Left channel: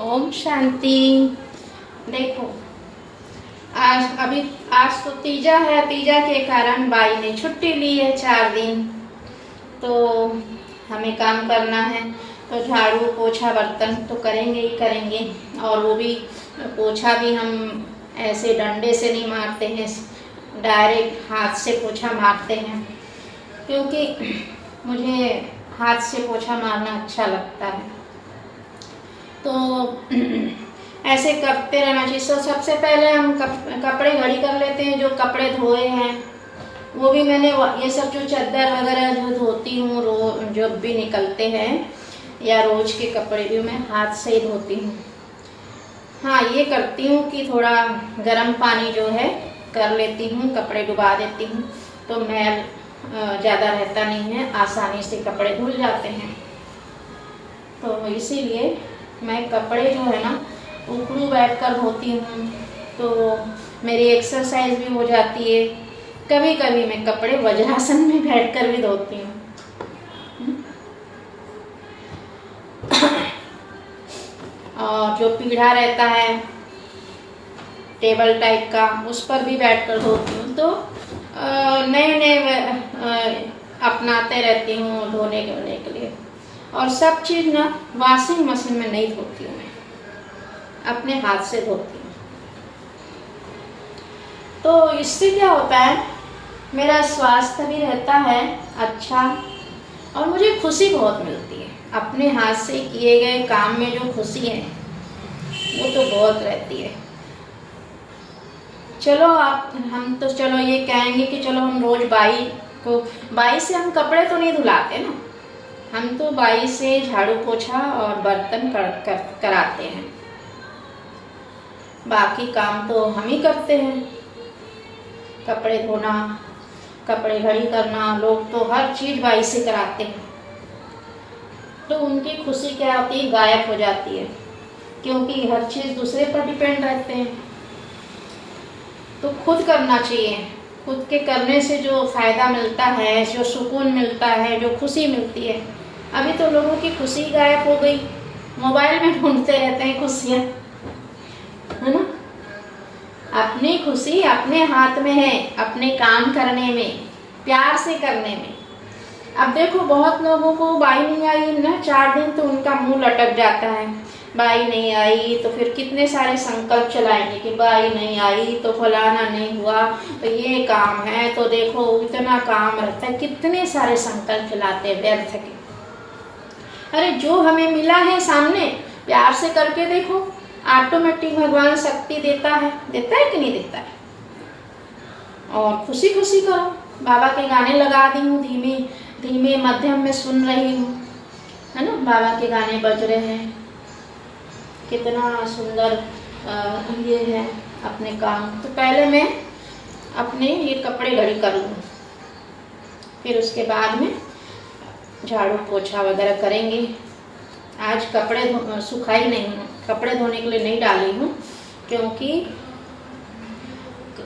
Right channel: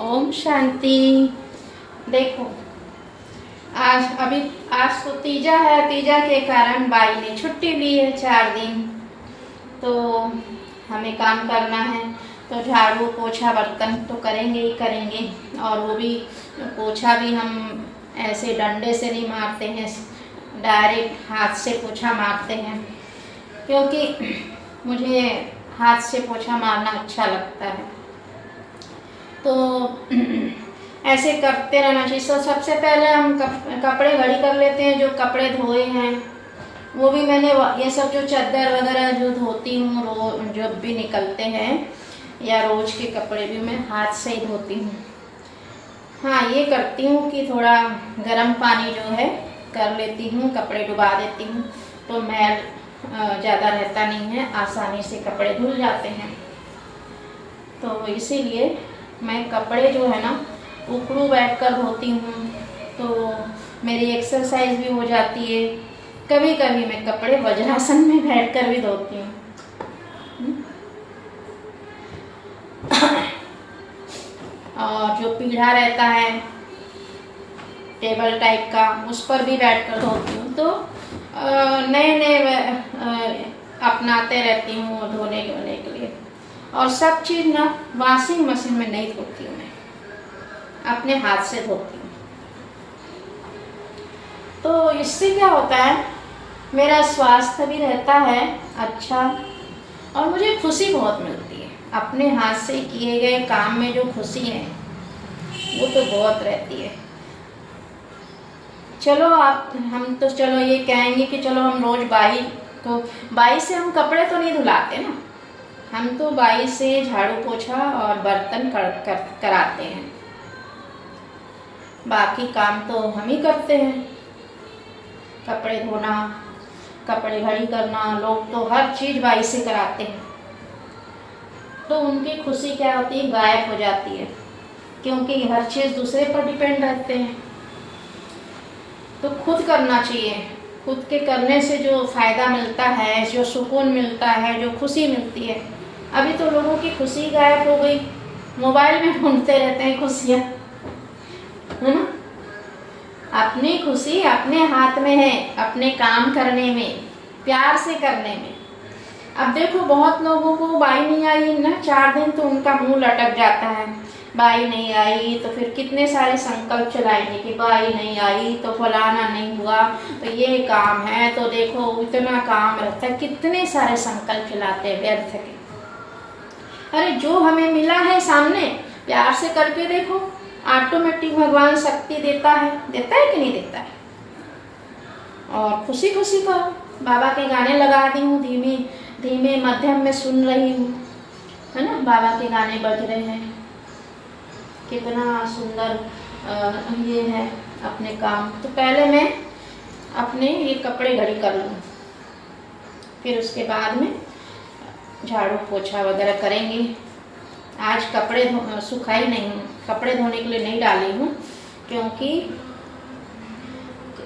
ओम शांति। देखो, आज तो तीजा है। तीजा के कारण बाई ने छुट्टी ली है 4 दिन। तो हमें काम करना है, तो झाड़ू पोछा बर्तन तो करेंगे ही करेंगे। और वो भी पोछा भी हम ऐसे डंडे से नहीं मारते हैं, डायरेक्ट हाथ से पोछा मारते हैं, क्योंकि मुझे हाथ से पोछा मारना अच्छा लगता है। तो ऐसे करते रहना चाहिए। सबसे पहले हम कपड़े घड़ी कर लेते हैं। जो कपड़े धोए हैं वो भी मैंने, ये सब जो चादर वगैरह जो धोती हूँ, जो भी निकलते हैं या रोज के कपड़े भी मैं हाथ से ही धोती हूँ। हाँ, ये करती हूँ कि थोड़ा गर्म पानी जो है कर लेती हूँ, कपड़े डुबा देती हूँ, तो मैल ज़्यादा रहता नहीं है, आसानी से कपड़े धुल जाते हैं। तो इसीलिए मैं कपड़े जो है ना उखड़ू बैठ कर धोती हूँ, तो मेरी एक्सरसाइज भी हो जाती है। कभी कभी मैं कपड़े वज्रासन में बैठ कर भी धोती हूँ। और जो पीढ़ा रहता है टेबल टाइप का, उस पर भी बैठ कर धोती हूँ। तो नए नए अपनाते रहती हूँ धोने के लिए। और सब चीज़ ना वॉशिंग मशीन में नहीं धोती हूँ, मैं अपने हाथ से धोती हूँ। तो इससे क्या होता है, मेरा स्वास्थ्य भी रहता है अच्छा, और मुझे खुशी बहुत मिलती है। अपने हाथ से किए गए काम में जो खुशी है वो तो बहुत रहती है। चलो हम तो चलो ये कहेंगे कि चलो हम रोज बाई से हम कपड़े तो नहीं धुलाते ना, हम तो बाई से झाड़ू पोछा और बर्तन कराते हैं। बाकी काम तो हम ही करते हैं, कपड़े धोना, कपड़े घड़ी करना, लोग तो हर चीज़ बाई से कराते हैं। तो उनकी खुशी क्या होती है, गायब हो जाती है, क्योंकि हर चीज़ दूसरे पर डिपेंड रहते हैं। तो खुद करना चाहिए। खुद के करने से जो फ़ायदा मिलता है, जो सुकून मिलता है, जो खुशी मिलती है। अभी तो लोगों की खुशी गायब हो गई, मोबाइल में ढूंढते रहते हैं खुशियाँ, है ना। अपनी खुशी अपने हाथ में है, अपने काम करने में, प्यार से करने में। अब देखो, बहुत लोगों को बाई नहीं आई ना 4 दिन, तो उनका मुंह लटक जाता है। बाई नहीं आई तो फिर कितने सारे संकल्प चलाएंगे कि बाई नहीं आई तो फलाना नहीं हुआ, तो ये काम है, तो देखो इतना काम रहता है, कितने सारे संकल्प चलाते हैं व्यर्थ के। अरे जो हमें मिला है सामने, प्यार से करके देखो, ऑटोमेटिक भगवान शक्ति देता है कि नहीं देता है। और खुशी खुशी करो। बाबा के गाने लगा दी हूँ, धीमे धीमे मध्यम में सुन रही हूँ, है ना। बाबा के गाने बज रहे हैं, कितना सुंदर ये है अपने काम। तो पहले मैं अपने ये कपड़े घड़ी कर लूँ, फिर उसके बाद में झाड़ू पोछा वगैरह करेंगे। आज कपड़े सुखाई नहीं, कपड़े धोने के लिए नहीं डाली हूँ, क्योंकि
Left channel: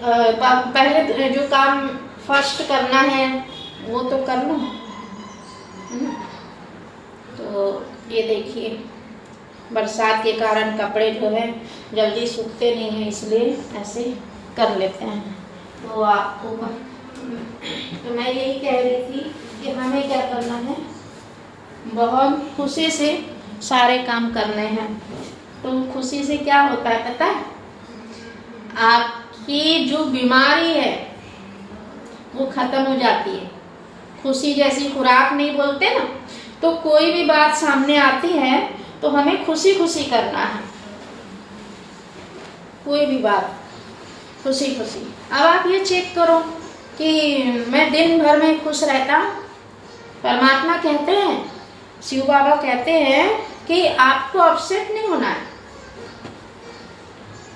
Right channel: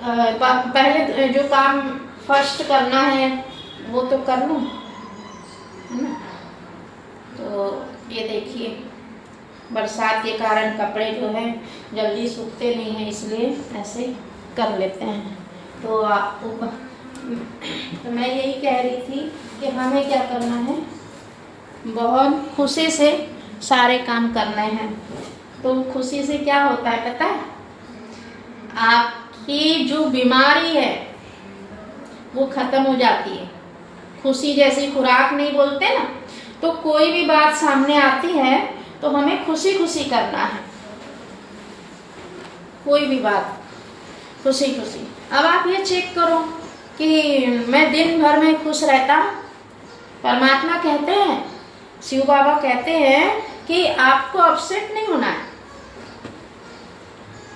पहले जो काम फर्स्ट करना है वो तो कर लूँ, है ना। तो ये देखिए, बरसात के कारण कपड़े जो है जल्दी सूखते नहीं हैं, इसलिए ऐसे कर लेते हैं। तो मैं यही कह रही थी कि हमें क्या करना है, बहुत खुशी से सारे काम करने हैं। तो खुशी से क्या होता है पता है, आपकी जो बीमारी है वो खत्म हो जाती है। खुशी जैसी खुराक नहीं बोलते ना, तो कोई भी बात सामने आती है तो हमें खुशी खुशी करना है, कोई भी बात खुशी खुशी। अब आप ये चेक करो कि मैं दिन भर में खुश रहता हूँ। परमात्मा कहते हैं, शिव बाबा कहते हैं कि आपको अपसेट नहीं होना है।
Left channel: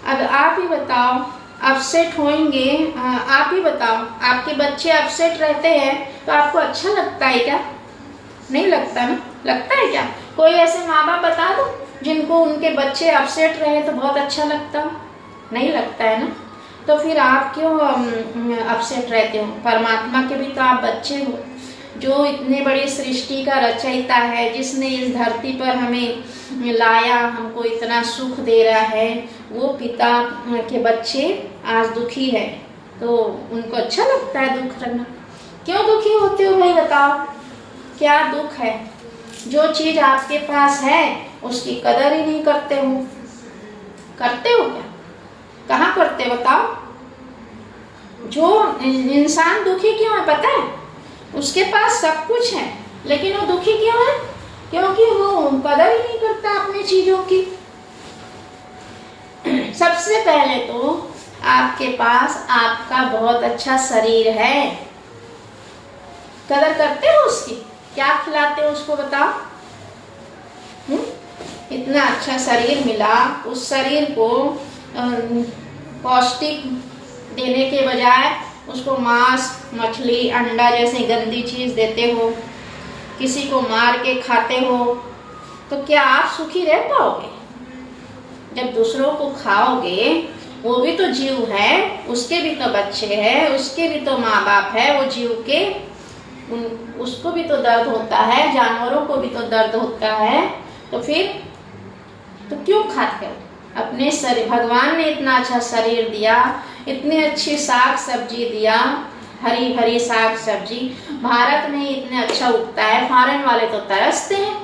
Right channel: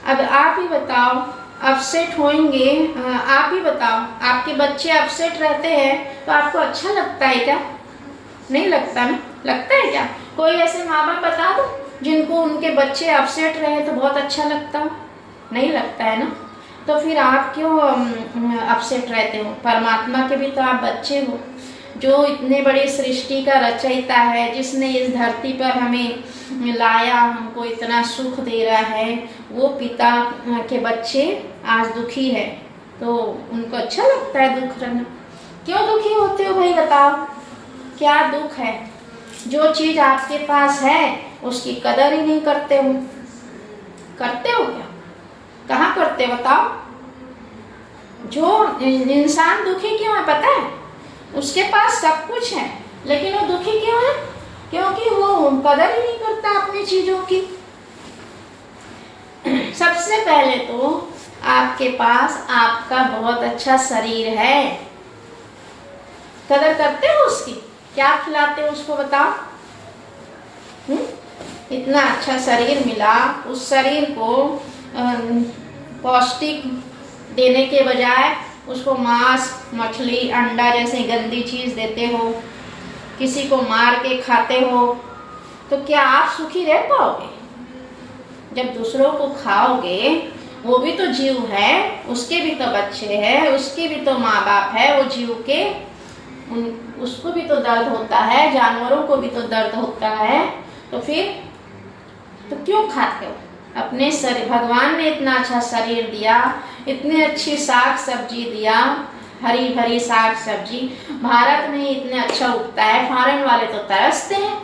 अब आप ही बताओ, अपसेट होंगे, आप ही बताओ, आपके बच्चे अपसेट रहते हैं तो आपको अच्छा लगता है क्या? नहीं लगता ना। लगता है क्या? कोई ऐसे माँ बाप बता दो जिनको उनके बच्चे अपसेट रहे तो बहुत अच्छा लगता? नहीं लगता है ना। तो फिर आप क्यों अपसेट रहते हो? परमात्मा के भी तो आप बच्चे हो। जो इतने बड़ी सृष्टि का रचयिता है, जिसने इस धरती पर हमें लाया, हमको इतना सुख दे रहा है, वो पिता के बच्चे आज दुखी है तो उनको अच्छा लगता है दुख रहना। क्यों दुखी होते हो भाई, बताओ क्या दुख है? जो चीज आपके पास है उसकी कदर ही नहीं करते हो। करते हो क्या? कहाँ करते हो बताओ? जो इंसान दुखी क्यों है पता है? उसके पास सब कुछ है लेकिन वो दुखी क्यों है? क्योंकि वो कदर ही नहीं करता अपनी चीजों की। सबसे पहले तो आपके पास आपका बहुत अच्छा शरीर है, कदर करते हो उसकी? क्या खिलाते हो उसको बताओ? इतना अच्छा शरीर मिला, उस शरीर को पौष्टिक देने के बजाय उसको मांस, मछली, अंडा जैसे गंदी चीज देते हो, किसी को मार के खाते हो, तो क्या आप सुखी रह पाओगे? जब दूसरों को खाओगे, वो भी तो जीव है, उसके भी तो बच्चे हैं, उसके भी तो माँ बाप है, वो जीव के उसको भी तो दर्द होता है, जानवरों को भी तो दर्द होता है, तो फिर तो क्यों खाते हो? अपने शरीर, भगवान ने इतना अच्छा शरीर दिया, इतनी अच्छी साग सब्जी दिया, हरी भरी साग सब्जी भारत में इतने अच्छा उगता है, फॉरेन वाले तो तरसते हैं।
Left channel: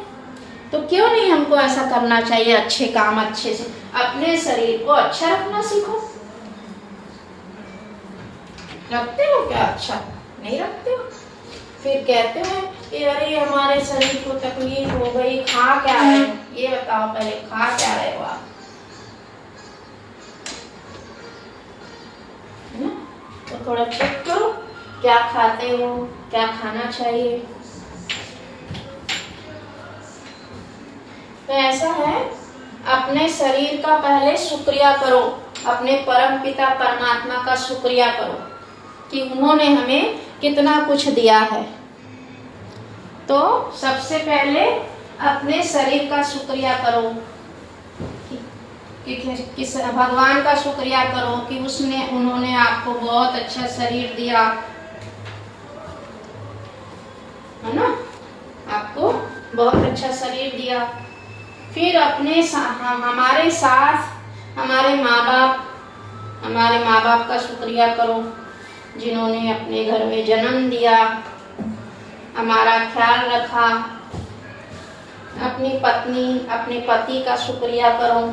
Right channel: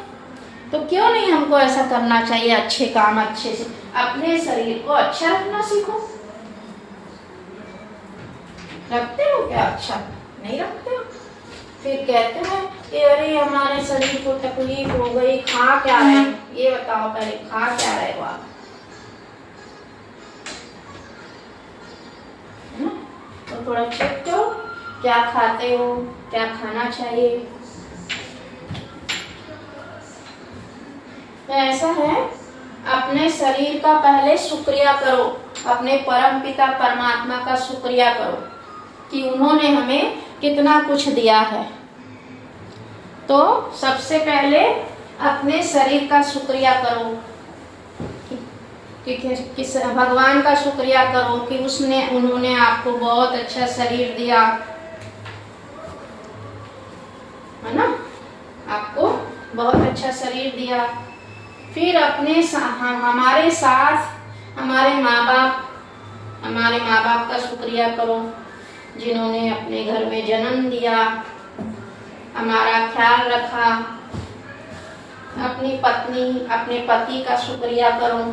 तो क्यों नहीं हमको ऐसा करना चाहिए? अच्छे काम अच्छे से अपने शरीर को अच्छा रखना सीखो। रखते हो क्या? अच्छा नहीं रखते हो, फिर कहते हैं कि अरे हमारे शरीर को तकलीफ हो गई। खा क्या रहे? ये बताओ पहले, खा क्या रहे हो आप? तो थोड़ा चेक करो क्या खाते हो, क्या खाना चाहिए। तो ऐसा है, अपने शरीर का पहले शुक्रिया करो, अपने परम पिता परमात्मा का शुक्रिया करो कि उन्होंने हमें कितना कुछ दिया है। तो सबसे पहले अपने शरीर का शुक्रिया करो कि भगवान का शुक्रिया करो कि उन्होंने आपको बहुत अच्छा शरीर दिया है ना, आपको बहुत अच्छा शरीर दिया। फिर अपने हमारे साथ हमारे माँ बाप का शुक्रिया करो जिन्होंने अपने घर में जन्म दिया, हमारा ख्याल रखा। अपनी पत्नी, अपने पति का शुक्रिया करो।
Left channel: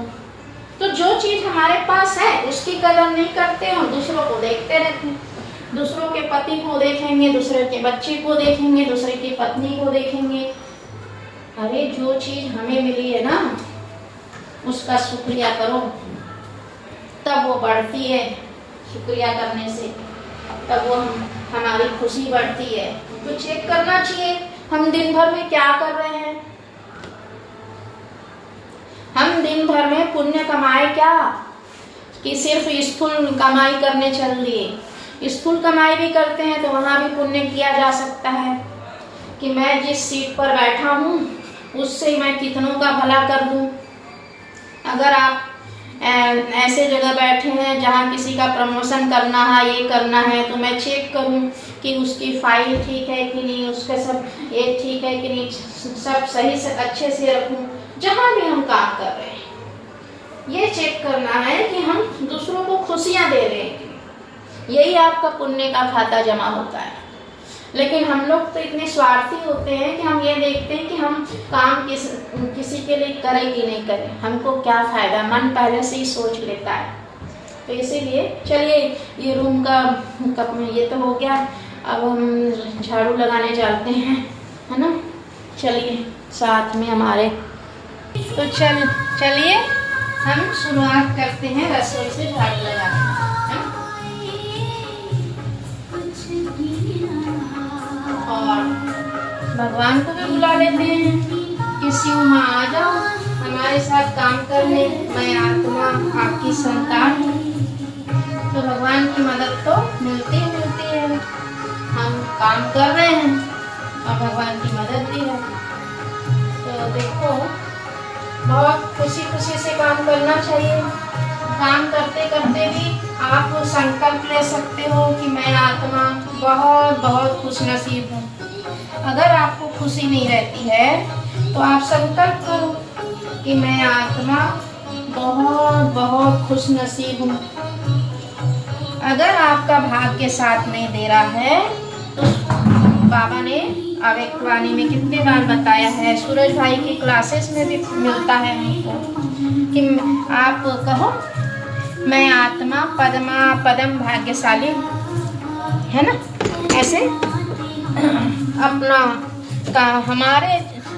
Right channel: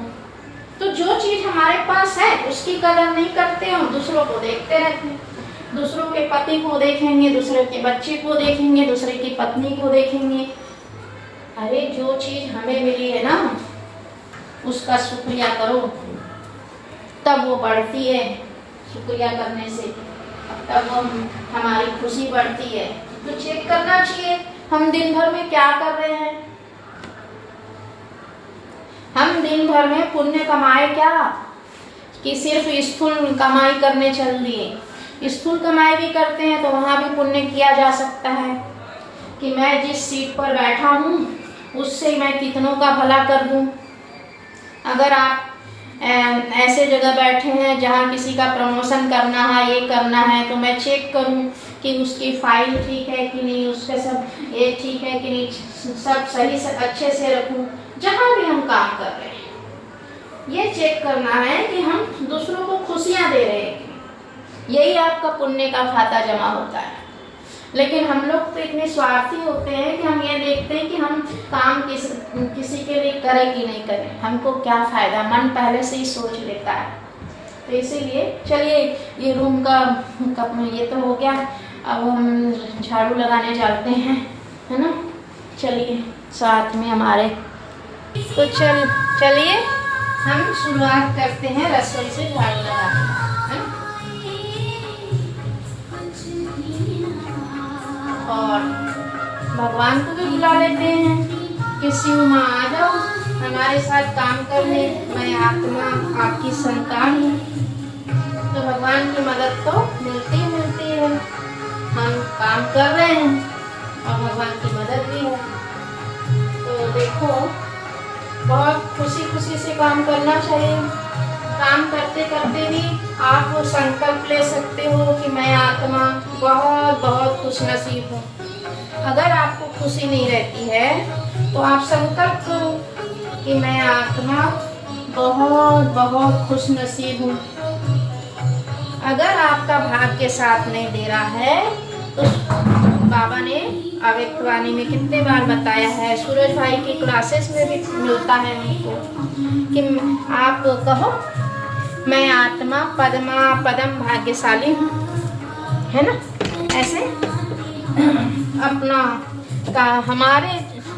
तो जो चीज हमारे पास है उसकी कदर नहीं करते हो, दूसरों को देखते रहते हैं, दूसरों के पति को देखेंगे, दूसरे के बच्चे को देखेंगे, दूसरे की पत्नी को देखेंगे। अरे जो चीज हमें मिली है ना उसका शुक्रिया करो, तब वो बढ़ती है। शुक्रिया करने से तब वो हमारी खुशी बढ़ती है। तो चेक करना चाहिए हम दिन भर में क्या कर रहे हैं। हम दिन भर में पुण्य कमाए क्या कि सिर्फ स्थूल कमाई करने चल दिए? स्थूल कमाई भी करते हैं तो वहां भी पुण्य किया जा सकता है कि मैं जिस सीट पर बैठा हूँ उससे मैं कितनों का भला कर दूं। अगर आप ऐसे जगह बैठे हैं जहाँ किसी का प्रमोशन करना है, ये करना है, तो मैं चेक करूं कि उसकी फाइल ठीक है कि नहीं, उसका सब ये ठीक है कि नहीं, सब सही से अच्छे से रखूं। जहाँ भी हम काम कर रहे हैं ये चेक करना है कि हम दूसरों को खुशियाँ दे रहे हैं, यही आपका पुण्य का खाता जमा होता है। लेकिन हम लोग तो इतने स्वार्थी होते हैं कि हम ये देखते हैं कि हम काम किसी के लिए करें कि नहीं करें, हमको क्या फायदा, मन पहले से ही सोच लेता है। तो इसीलिए चलिए ये रूम का कप में ये तो हो गया, अब हम झाड़ू लगाने चलते हैं, है ना। चलिए साथ में हमारे, तो चलिए हम शुरुआत करते हैं रसोई से झाड़ू लगाने। और भगवान को भी बुला लेते हैं कि शिव माँ आ जाओ हमारे साथ काम करने, मैं आत्मा आपकी संतान हूँ। तो भगवान की मदद तो मिलती है, हम काम कर रहे हैं और भगवान की मदद भी है। तो देखो बहुत खुशी से काम करना चाहिए। काम करते करते भी आप वो संकल्प ले सकते हो कि मैं आत्मा बहुत खुश नसीब हूँ अगर आपको खुशी नहीं रहती है तो आप संकल्प करो कि मैं आत्मा बहुत बहुत खुश नसीब हूँ। अगर आपका भाग्य साथ नहीं दे रहा है तो बाबा ने अव्यक्तवाणी में कितने बार बताया है, सूरज भाई की क्लासेस में भी मिलता है हमको कि आप कहो मैं आत्मा पद्मा पदम भाग्यशाली हूँ, है ना। ऐसे अपना का हमारे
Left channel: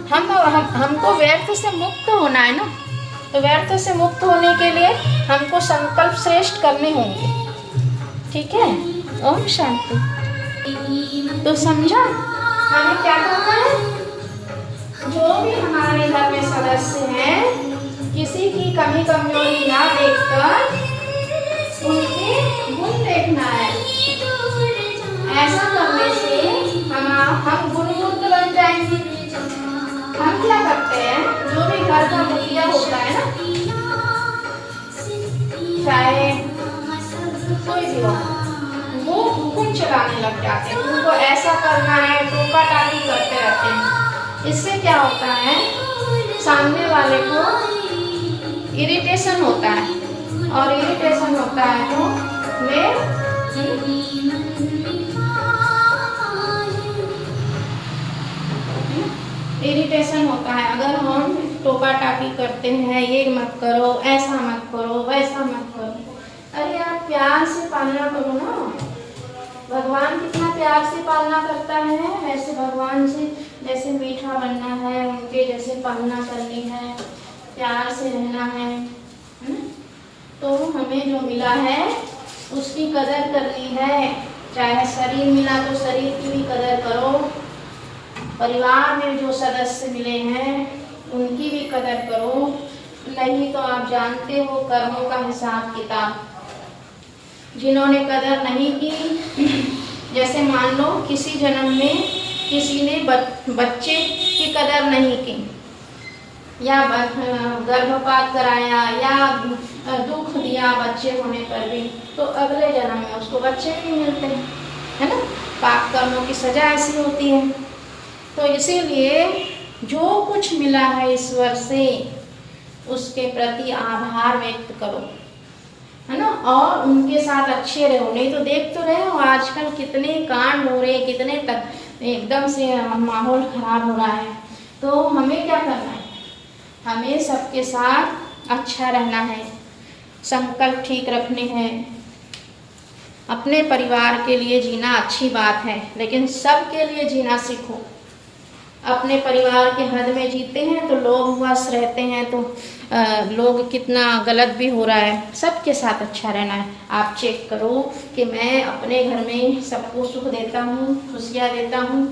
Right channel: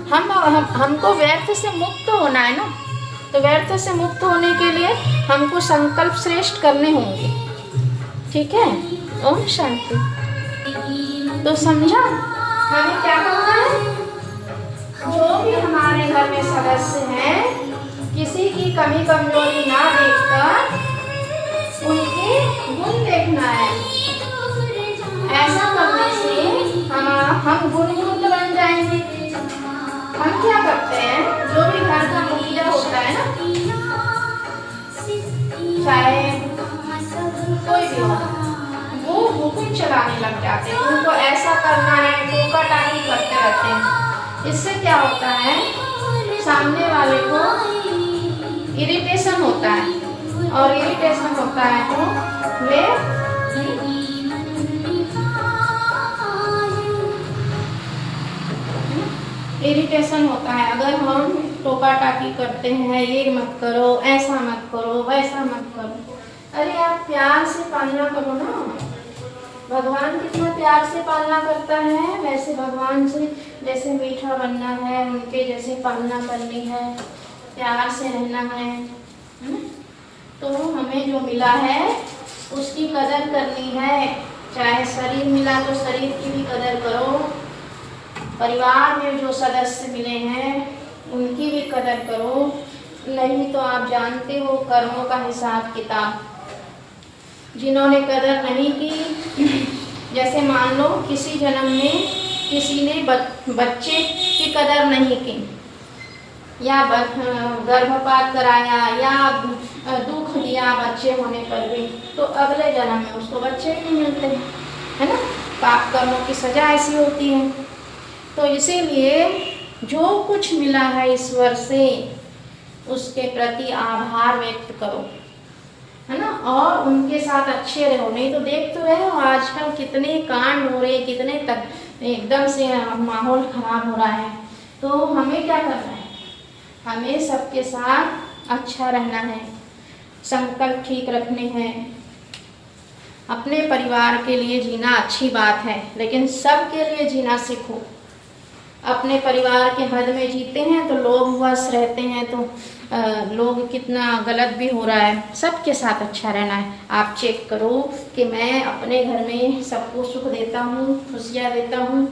हमको व्यर्थ से मुक्त होना है ना, तो व्यर्थ से मुक्त होने के लिए हमको संकल्प श्रेष्ठ करने होंगे, ठीक है। ओम शांति। तो समझा हमें क्या करना है। जो भी हमारे घर में सदस्य हैं, किसी की कमी कमजोरी ना देखकर उनके गुण देखना है। ऐसा करने से हम गुणवंत बन जाएंगे। हम क्या करते हैं, जो भी घर का मुखिया होता है ना, चाहे कोई भी हो, वो हुक्म चलाने लग जाते हैं। उनको ऐसा करना है, टोका टाकी करते रहते हैं। इससे क्या होता है, सामने वाले को इरिटेशन होता है, और इरिटेशन होता है तो वे इरिटेशन होता है। अगर हम टोका टाकी करते हैं, ये मत करो, ऐसा मत करो, वैसा मत करो, अरे आप प्यार से पालना करो ना। भगवान कितना प्यार से पालना करता है, वैसे भगवान से जैसे मीठा बनना है, उनके जैसे पालना करनी है, प्यार से रहना है। तो हमें जो मिला है उसकी कदर करनी है। चाहे शरीर मिला तो शरीर की भी कदर करो, परिवार में जो सदस्य मिले हैं उनकी भी कदर करो। नहीं तो आप जानते हो कर्मों का हिसाब किताब। जिन्होंने कदर नहीं की, जैसे मान लो किसी जन्म में किसी ने बच्चे की कदर नहीं की, या गर्भपात कराया, या दुख दिया बच्चे होने पर भी, तो अगले जन्म में उसको बच्चे नहीं मिलते, है ना। पाप कर्मों की सजा ऐसी होती है। तो इसीलिए जो कुछ मिला है ईश्वर से, उसके प्रति आभार व्यक्त करो, है ना, और उनके साथ अच्छे रहो। नहीं तो देख तो रहे हो आजकल कितने कांड हो रहे, कितने तक एकदम से माहौल खराब हो रहा है। तो हमें क्या करना है, हमें सबके साथ अच्छा रहना है, संकल्प ठीक रखने हैं। अपने परिवार के लिए जीना अच्छी बात है, लेकिन सबके लिए जीना सीखो। अपने परिवार के हद में जीते हैं तो लोग वश रहते हैं, तो लोग कितना गलत भी हो रहा है। सबके साथ अच्छा रहना है। आप चेक करो कि मैं अपने घर में सबको सुख देता हूँ, खुशियाँ देता हूँ।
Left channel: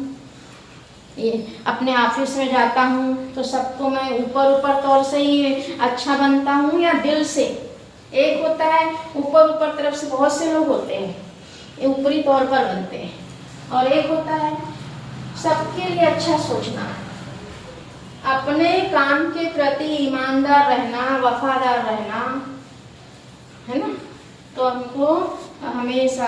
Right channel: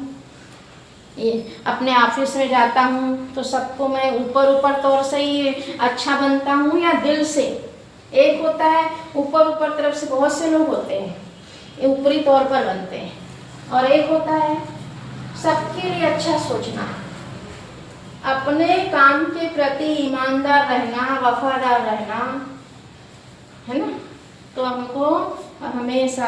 ये अपने ऑफिस में जाता हूँ तो सबको मैं ऊपर तौर से ही अच्छा बनता हूँ, या दिल से। एक होता है ऊपर तरफ से, बहुत से लोग होते हैं ये ऊपरी तौर पर बनते हैं, और एक होता है सबके लिए अच्छा सोचना, अपने काम के प्रति ईमानदार रहना, वफादार रहना, है ना। तो हमको हमेशा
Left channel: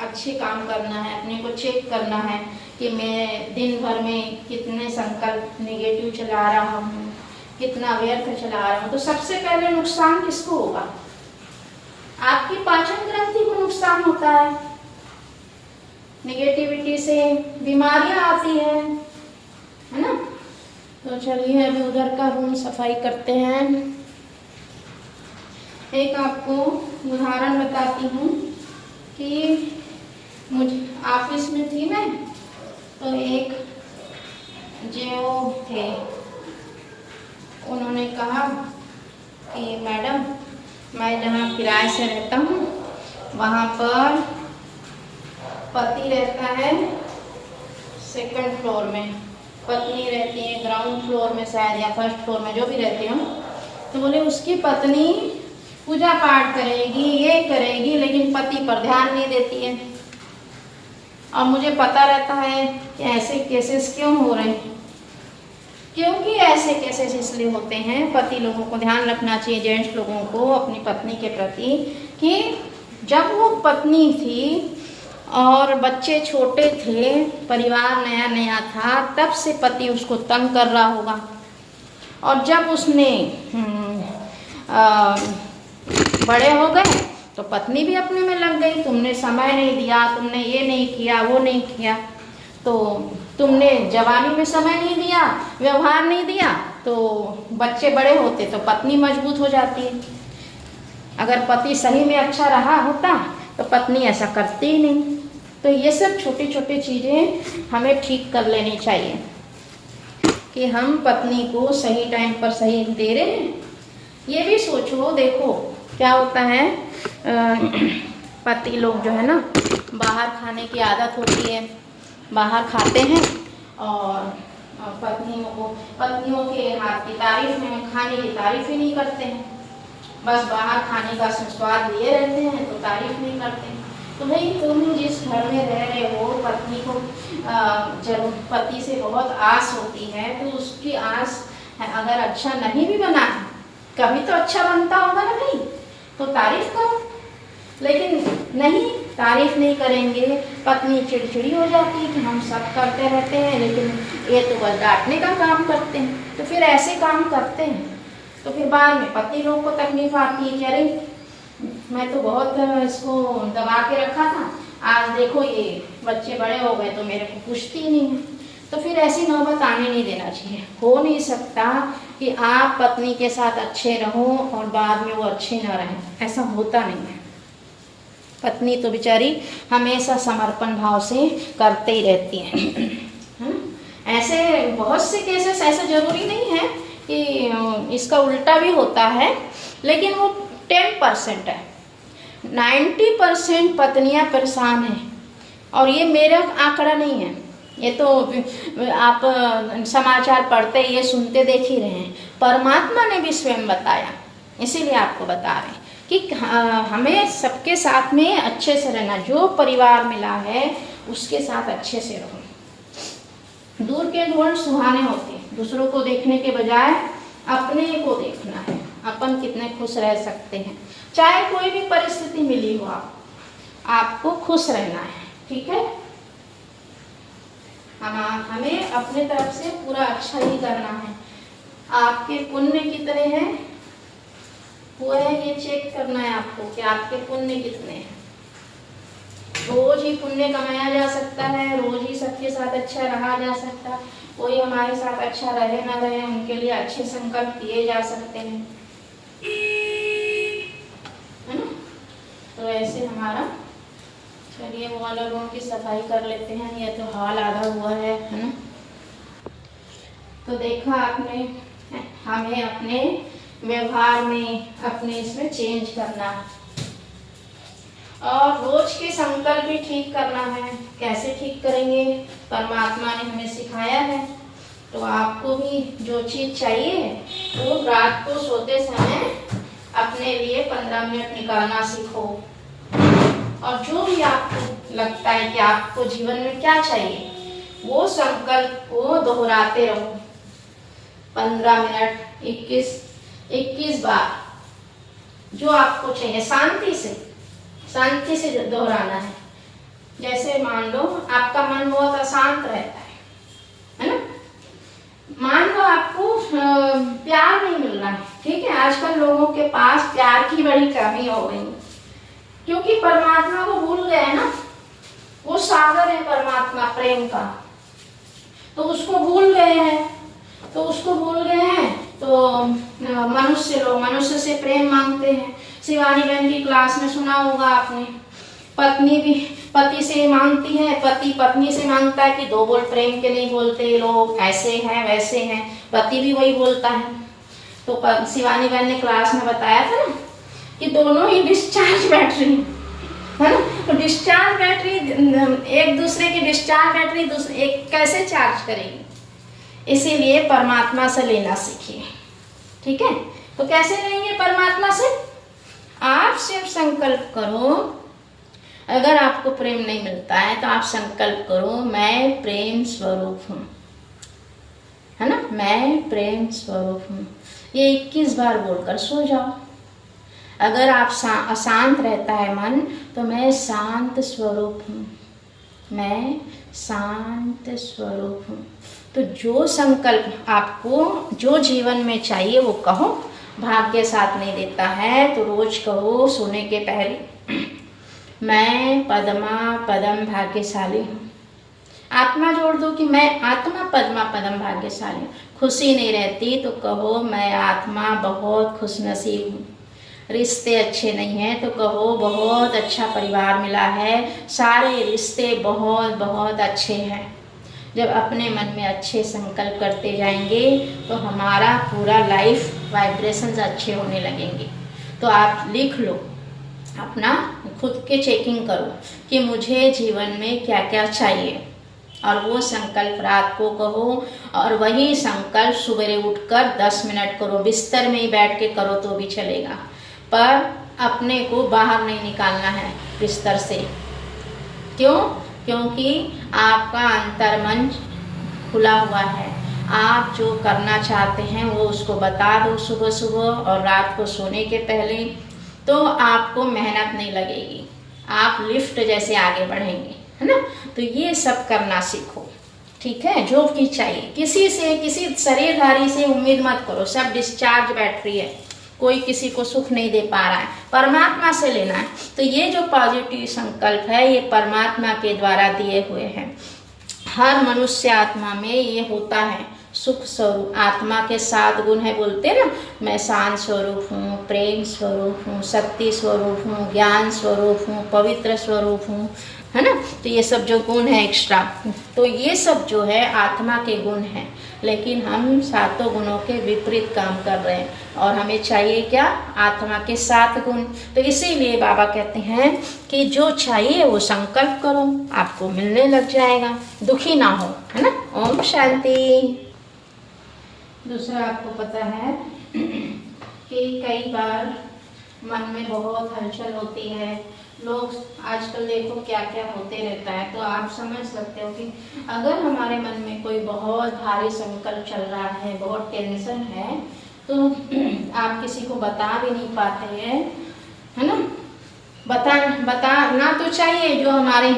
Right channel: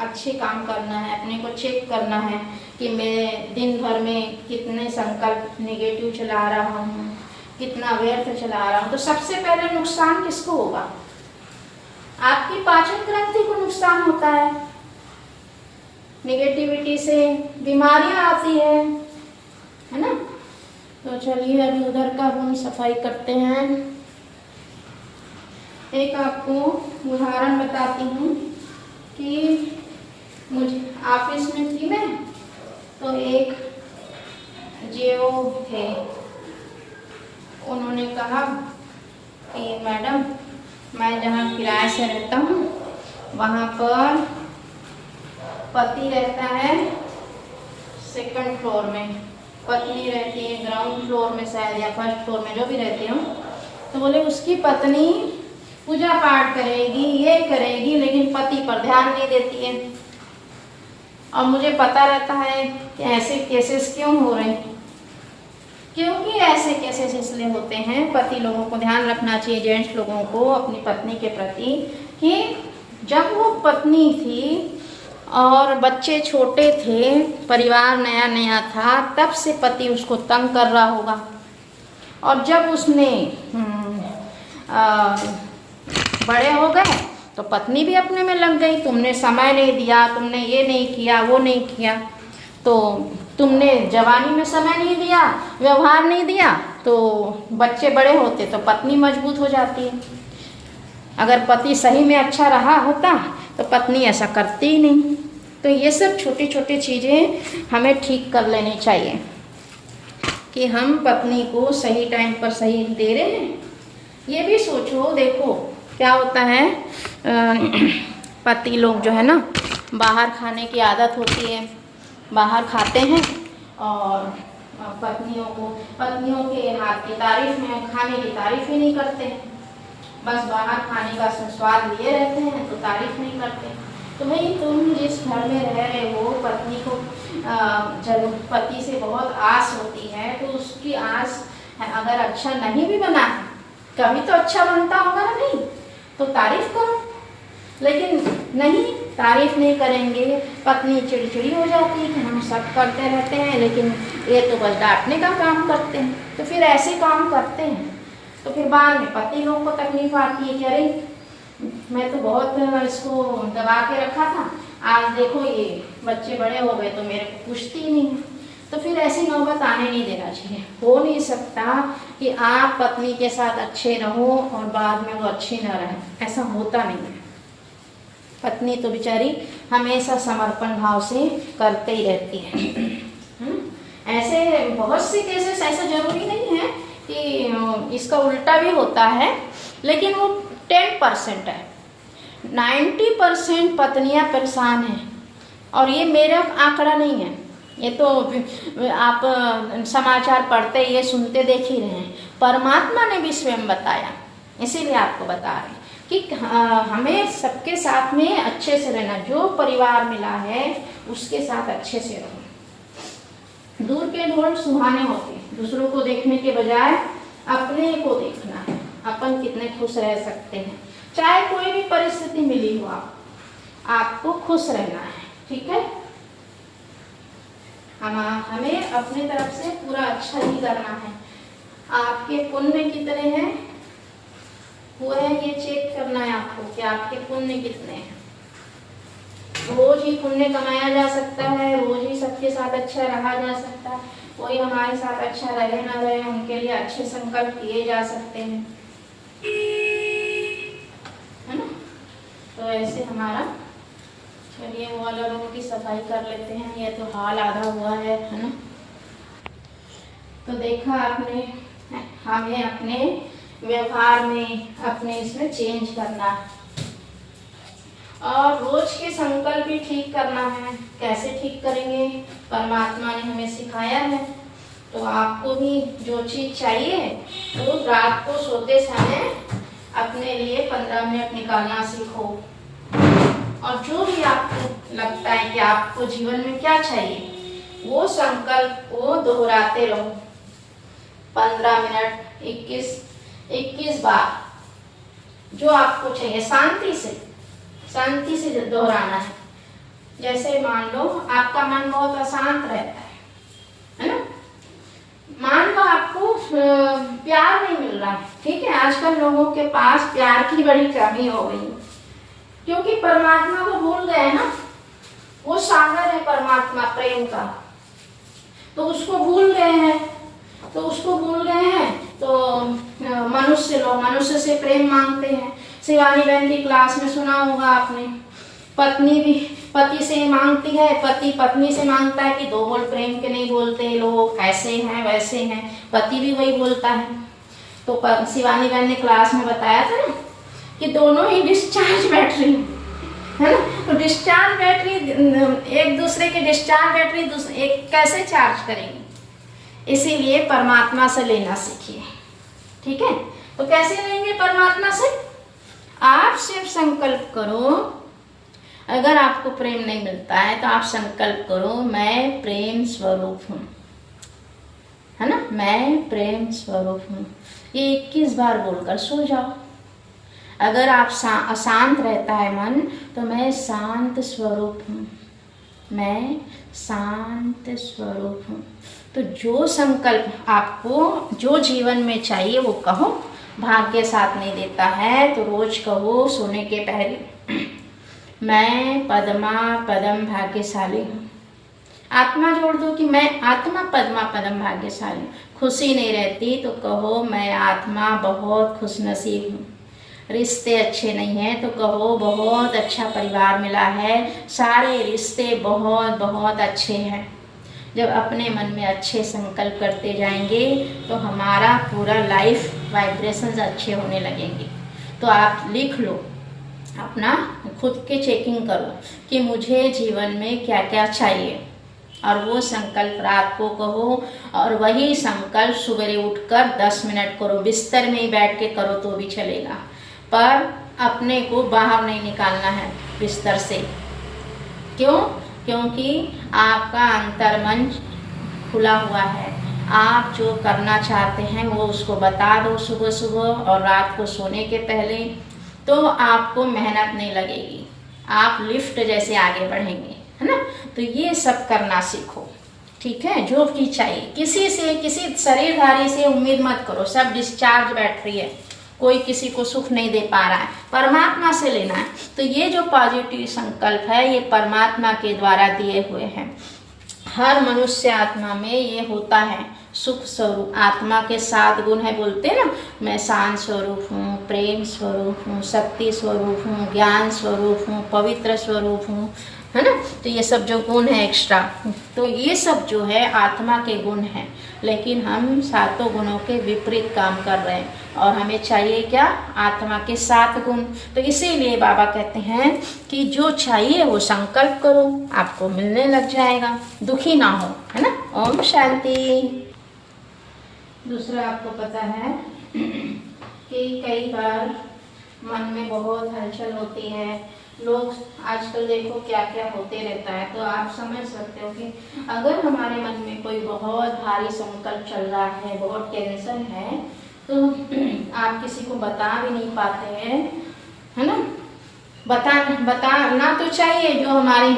अच्छे काम करना है, अपने को चेक करना है कि मैं दिन भर में कितने संकल्प नेगेटिव चला रहा हूँ, कितना व्यर्थ चला रहा हूँ। तो सबसे पहले नुकसान किसको होगा, आपकी पाचन ग्रंथि को नुकसान होता है। नेगेटिविटी से बीमारियां आती है ना। तो चलिए अभी उधर का रूम सफाई करते हैं। एक आपको उदाहरण बताती हूँ कि मुझे ऑफिस में थी मैं, तो एक जो थे उन्होंने कहा कि मैडम, मैं जहाँ किराए से रहता हूँ वहाँ पर पति रहता है सेकंड फ्लोर में, पत्नी रहती है ग्राउंड फ्लोर में शायद, या फर्स्ट फ्लोर में, जो भी रहते हो। तो बोले उसकी पत्नी पूजा पाठ करेगी, ये करेगी, लेकिन पति पर ध्यान नहीं देती है। और मुझे पता रहता है कि ऐसे केसेस क्यों हो रहे हैं, क्योंकि ऐसे केसेस इसलिए होते हैं। पति लोगों को ध्यान रखना चाहिए, जेंट्स लोगों को अपनी पत्नी के प्रति, कि जब वो पत्नी थी और बच्चे छोटे थे, परिवार नया नया था, तब से पति उसको तंग कर रहा होगा। और जब उसने बड़े हो गए तो पत्नी भी अपने में लग गई। तुमने समय नहीं दिया, तुमने ये नहीं किया, वो नहीं किया, तो तुमने जवानी में समय नहीं दिया, व्यवहार नहीं दिया, तो बच्चे बड़े होते तो पत्नी मजबूत हो जाती है। अगर पति सही में अच्छा रहा होता तो पत्नी ऐसा करती ही नहीं। तो ये सब छोटी छोटी चीज़ें हमें ठीक कर लेनी चाहिए कि हम पत्नी को सही टाइम पर सही दे रहे हैं। ये भी सोचो, देखो क्या होता है, पति लोग जो है ना, बाहर खाने की आदत होती है, बाहर खाते हैं और पत्नियों के हाथ की तारीफ में, खाने की तारीफ ही नहीं करते हैं, बस बाहर खाने का स्वाद लिए रहते हैं तो तारीफ नहीं करते। तो भाई तुम जिस घर में रह रहे हो, पत्नी को जब पति से बहुत आस होती है तो उसकी आस अगर अच्छा नहीं भी बना है, कभी तो अच्छा बनता होगा ना, नहीं तो तारीफ करो। लेकिन नहीं, तारीफ नहीं करेंगे, पत्नी चिड़चिड़ी हो जाती है कि हम सब करते रहते हैं लेकिन ये तो बस डांटने का काम करते हैं। तो फिर ऐसे काम करते हैं तो फिर बाद में पति लोग को तकलीफ आती है कि अरे मैं तो बहुत इसको दबा के रखा था, आज देखो ये बच्चे बड़े हो गए तो मेरे को पूछती ही नहीं है। तो फिर ऐसी नौबत आने नहीं देना चाहिए। हो नहीं सकता कि आप पत्नी के साथ अच्छे रहो और बाद में वो अच्छे न रहें, ऐसा होता नहीं है। पत्नी तो बेचारी हमेशा समर्पण भाव से करते ही रहती है। ऐसे बहुत से केसेस ऐसे जरूरी नहीं है कि इसका उल्टा भी होता है, लेकिन वो 10% है। 90% पत्नियां परेशान हैं। और ये मेरा आंकड़ा नहीं है, ये तो आप समाचार पढ़ते, ये सुनते देख ही रहे हैं। परमात्मा ने भी स्वयं बताया, इसीलिए आपको बता रहे हैं कि हमें सबके साथ में अच्छे से रहना। जो परिवार मिला है उसके साथ अच्छे से रहो। दूर के ढोल सुहाने होते हैं, दूसरों को देखने के बजाय अपने को देखना है। अपन कितने खुश रह सकते हैं, चाहे कोई भी परिस्थिति मिली हो, आपको खुश रहना है, ठीक है। हमें अपने तरफ से पूरा अच्छा ही करना है। आपके पुण्य कितने हैं हुए हैं, ये चेक करना है आपको कि आपके पुण्य कितने हैं। रोज ही पुण्य कमाया जा सकता है, रोज ही सबके साथ अच्छा रहा जा सकता है। कोई हमारे साथ अच्छा रहे ना रहे, उनके लिए अच्छे संकल्प किए जा सकते हैं, है ना। तो ऐसे हमारा, चलिए वो वाला रूम की सफाई कर लेते हैं, ये तो हॉल आधा हुआ है ना। तो देखा आपने, हमें अपने व्यवहार में, अपने इसमें चेंज करना है और रोज के संकल्प भी ठीक करना है। कैसे ठीक करेंगे, परमात्मा ने हमें सिखाया है। तो आपको भी जो चीज चाहिए वो रात को सोते समय अपने लिए 15 मिनट निकालना सीखो। और जो भी आपको लगता है कि आपको जीवन में क्या चाहिए, वो संकल्प को दोहराते रहो। 15 मिनट, 21 बार जो आपको चाहिए, शांति से दोहराना है। जैसे मान लो आपका मन बहुत अशांत रहता है ना। मान लो आपको प्यार नहीं मिल रहा है, ठीक है। आजकल लोगों के पास प्यार की बड़ी कमी हो गई, क्योंकि परमात्मा को भूल गए ना। वो सागर है परमात्मा प्रेम का, तो उसको भूल गए हैं। तो मनुष्य से प्रेम मांगते हैं। शिवानी बहन की क्लास में सुना होगा आपने, पत्नी भी पति से मांगती है, पति पत्नी से मांगता है कि 2 बोल प्रेम के नहीं बोलते लोग, ऐसे हैं वैसे हैं, पति भी वही बोलता है। तो शिवानी बहन ने क्लास में बताया था ना कि दोनों ही डिस्चार्ज बैटरी है ना। तो डिस्चार्ज बैटरी, एक दूसरे की डिस्चार्ज बैटरी एक कैसे चार्ज करेगी। इसीलिए परमात्मा से लेना सीखिए, ठीक है। तो कैसे लेंगे परमात्मा से, आप सिर्फ संकल्प करो। अगर आपको प्रेम नहीं मिलता है तो आप संकल्प करो, मैं प्रेम स्वरूप हूँ, है ना, मैं प्रेम स्वरूप हूँ। ये 21 बार बोलकर सो जाओ। अगर आप अशांत रहता है मन, तो मैं शांत स्वरूप हूँ, मैं शांत स्वरूप हूँ। तो जो संकल्प आपको जो जीवन में चाहिए वो कहो। भाग्य साथ नहीं देता है तो रोज कहो सोने के पहले, मैं पद्मा पदम भाग्यशाली हूँ। आत्मा जोड़ दो कि मैं आत्मा पद्मा पदम भाग्यशाली हूँ। खुशी नहीं रहती तो कहो मैं आत्मा बहुत खुशनसीब हूँ। रिश्ते अच्छे नहीं हैं तो कहो बहुत अच्छा परिवार मिला है, सारे रिश्ते बहुत बहुत अच्छे हैं। जब अपने मन में अच्छे संकल्प करते जाएंगे तो हमारा पूरा लाइफ वाइब्रेशंस अच्छे होने लगेंगे। तो आप लिख लो, अपना खुद के चेकिंग करो कि मुझे जीवन में क्या क्या चाहिए, और वो संकल्प रात को कहो, और वही संकल्प सवेरे उठकर 10 मिनट करो। बिस्तर में ही बैठ के करो तो भी चलेगा, पर अपने को बाहर नहीं निकालना है बिस्तर से। क्यों? क्योंकि आपका अंतर्मन खुला हुआ है। आप जो करना चाहते हैं वो उसको बता दो सुबह सुबह और रात को सोने के पहले, तो आपको मेहनत नहीं लगेगी, आप लिफ्ट जैसे आगे बढ़ेंगे, है ना। तो ये सब करना सीखो, ठीक है। जो भी चाहिए, किसी से, किसी शरीरधारी से उम्मीद मत करो, सब डिस्चार्ज बैटरी है, कोई किसी को सुख नहीं दे पा रहा है, परमात्मा से लेना है। तो ये जो पॉजिटिव संकल्प है ये परमात्मा के द्वारा दिए हुए हैं। हर मनुष्य आत्मा में ये होता है, सुख स्वरूप। आत्मा के 7 गुण है, बोलते ना, मैं शांत स्वरूप हूँ, प्रेम स्वरूप हूँ, शक्ति स्वरूप हूँ, ज्ञान स्वरूप हूँ, पवित्र स्वरूप हूँ, है ना। तो ये सब जो गुण है एक्स्ट्रा, तो ये सब जो है आत्मा के गुण हैं। लेकिन हम 7 गुणों के विपरीत काम कर रहे हैं, और हमें चाहिए क्या? आत्मा के 7 गुण। तो इसीलिए बाबा कहते हैं कि जो चाहिए वो संकल्प करो, आपको मिलने लग जाएगा, दुखी ना हो, है ना। ओम शांति। दूसरा, आपको पता है कि कई बार मन में बहुत हलचल होती है, लोग आजकल देखो क्या क्या होते रहता है। तो आप समझ सकते हो कि अगर हमारे मन में कोई बहुत भारी संकल्प चल रहा है, बहुत टेंशन है, तो आप किसी को बता भी नहीं पाते हैं, है ना। बताना तो चाहिए, जो हमारे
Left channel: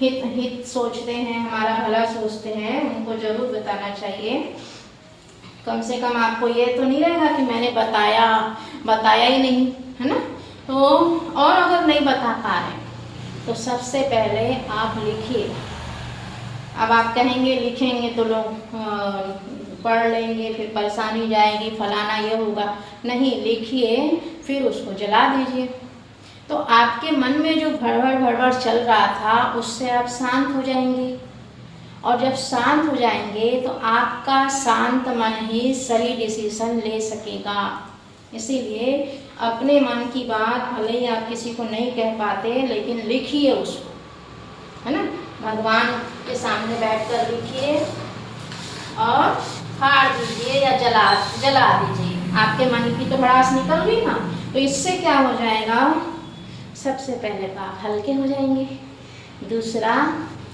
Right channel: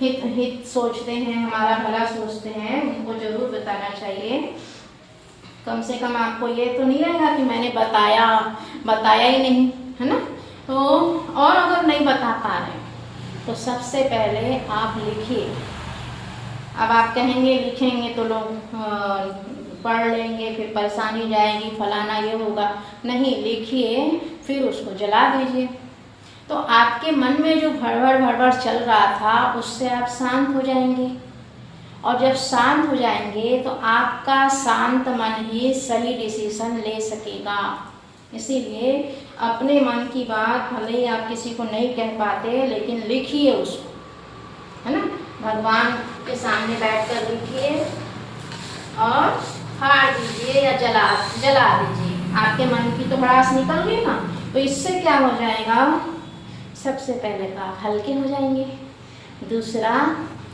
हित सोचते हैं, हमारा भला सोचते हैं, उनको जरूर बताना चाहिए। कम से कम आपको ये तो नहीं रहेगा कि मैंने बताया ही नहीं, है ना। तो और अगर नहीं बता पा रहे तो सबसे पहले आप लिखिए। अब आप कहेंगे लिखेंगे तो लोग पढ़ लेंगे, फिर परेशानी जाएगी, फलाना ये होगा। नहीं, लिखिए, फिर उसको जला दीजिए। तो आपके मन में जो भड़बड़ चल रहा था उससे आप शांत हो जाएंगे, और जब शांत हो जाएंगे तो आपका शांत मन ही सही डिसीजन ले सकेगा। इसीलिए अपने मन की बात भले ही आप किसी को नहीं कह पाते, लेकिन लिखिए उसको, है ना। भगवान के सामने बैठकर लिखिए और फाड़ दीजिए या जला दीजिए। आपके मन की तो भड़ास निकल गई ना, तो इससे क्या हो जाएगा? सबसे पहले तो आप हल्के हो जाएंगे। दूसरा,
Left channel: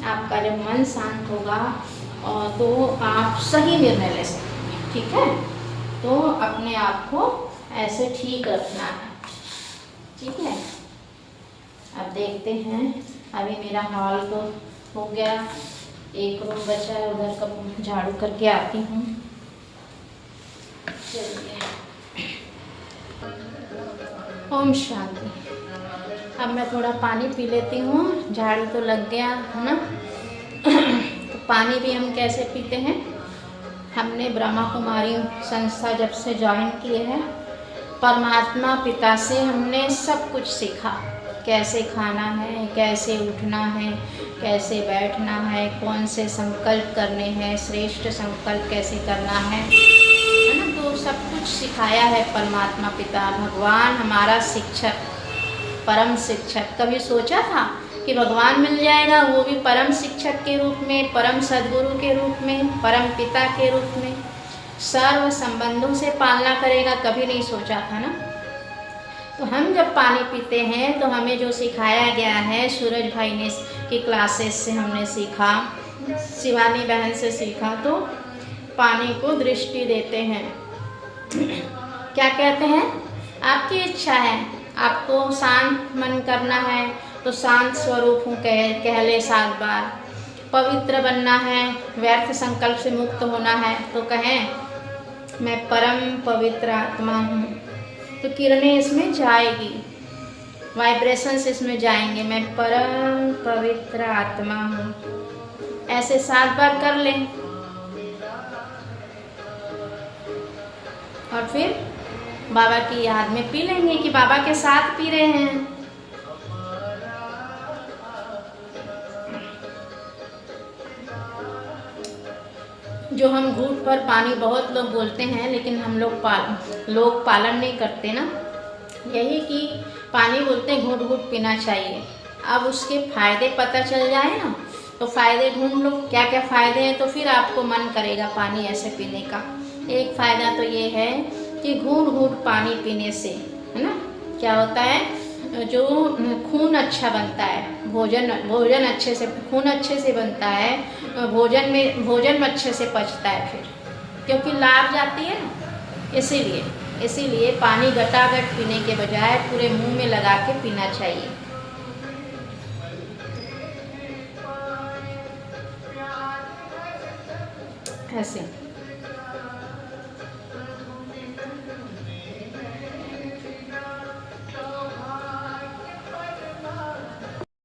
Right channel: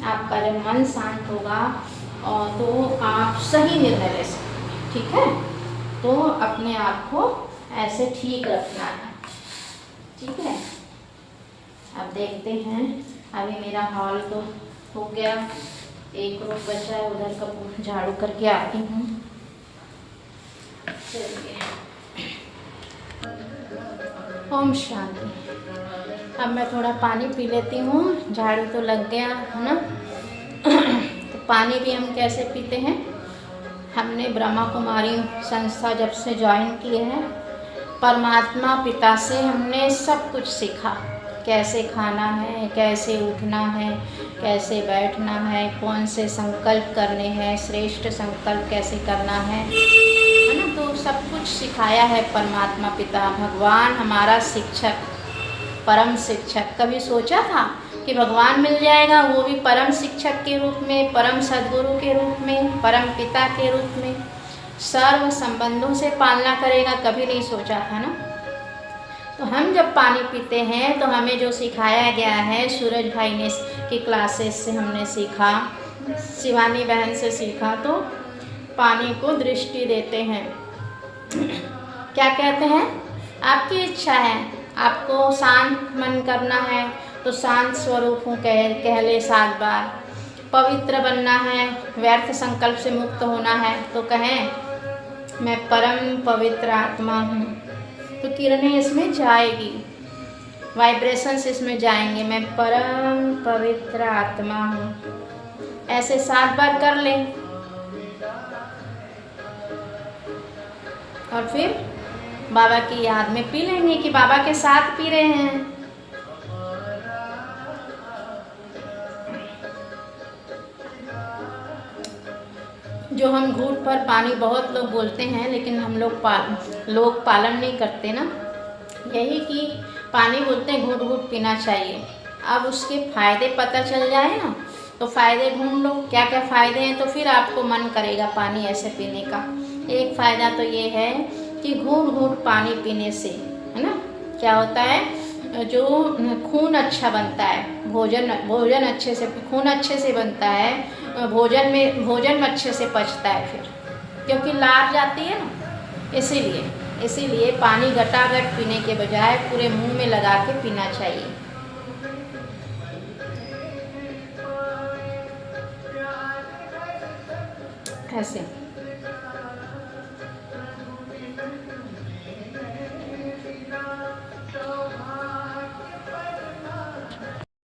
आपका जब मन शांत होगा और तो आप सही निर्णय ले सकेंगे, ठीक है। तो अपने आप को ऐसे ठीक रखना है, ठीक है। अब देखते हैं, अभी मेरा हॉल तो हो गया, एक रूम बचा है, उधर का झाड़ू करके आती हूँ। चलिए, ओम शांति। अब मैं थोड़ा पानी पी लेती हूँ, झाड़ू तो लग गया, है ना। तो पानी भी हम कैसे पीते हैं? हमने ब्रह्मा कुमारी संस्था जब से ज्वाइन किए हैं, परमात्मा पिता से हमने सब कुछ सीखा। कैसे खाना है, कैसे उठना है, कैसे बैठना है, कौन से संकल्प करने हैं, श्रेष्ठ संकल्प कैसे करना है ना। तो सब कुछ सिखाया है परमात्मा पिता। भगवान हमारा शिक्षक, परम शिक्षक। कभी सोचा था कि भगवान मिल जाएगा, वो भी परम शिक्षक के रूप में, परम सद्गुरु के रूप में, परम पिता के रूप में, सर्व संबंधों से पालना करेगा? कभी नहीं सोचा था ना। तो हम जब पानी पीते हैं तो हमें जो सिखाया गया है, सूरज भाई ने की क्लासेस से हमने सीखा, शिवानी बहन से सीखा, तो पानी को दृष्टि देते हैं। क्या कहते हैं? आपकी इच्छा है। आपको शांत मन करना है तो शांत स्वरूप हूँ कह ले 7 बार। पवित्र बनना है, व्यर्थ संकल्प से मुक्त होना है तो कहें मैं परम पवित्र आत्मा हूँ। तो किरणें इसमें जाएगी, वाइब्रेशंस इसमें जाएंगे, मैं परम पवित्र आत्मा हूँ। ऐसे 7 बार कर लें और फिर बाबा की याद में पी लेंगे कि बाबा के साथ पी रहे हैं। जो हम घूंट पर पानी बहुत लोग बोलते हैं लेकिन हम लोग पालन नहीं करते ना, यही कि पानी बोलते हैं घूंट घूंट पीना चाहिए। अब उसके फायदे पता चल जाए ना तो फायदे ढूंढ लो, क्या क्या फायदे हैं, तो फिर आपको मन करेगा पानी ऐसे पीने का। एक फ़ायदा तो ये है कि घूंट घूंट पानी पीने से, है ना, क्या होता है, जो खून अच्छा बनता है, भोजन अच्छे से, खून अच्छे से बनता है, भोजन में अच्छे से पचता है फिर, क्योंकि लार जाती है ना, इसीलिए पानी गटागट पीने के बजाय पूरे मुंह में लगा के पीना चाहिए। ऐसे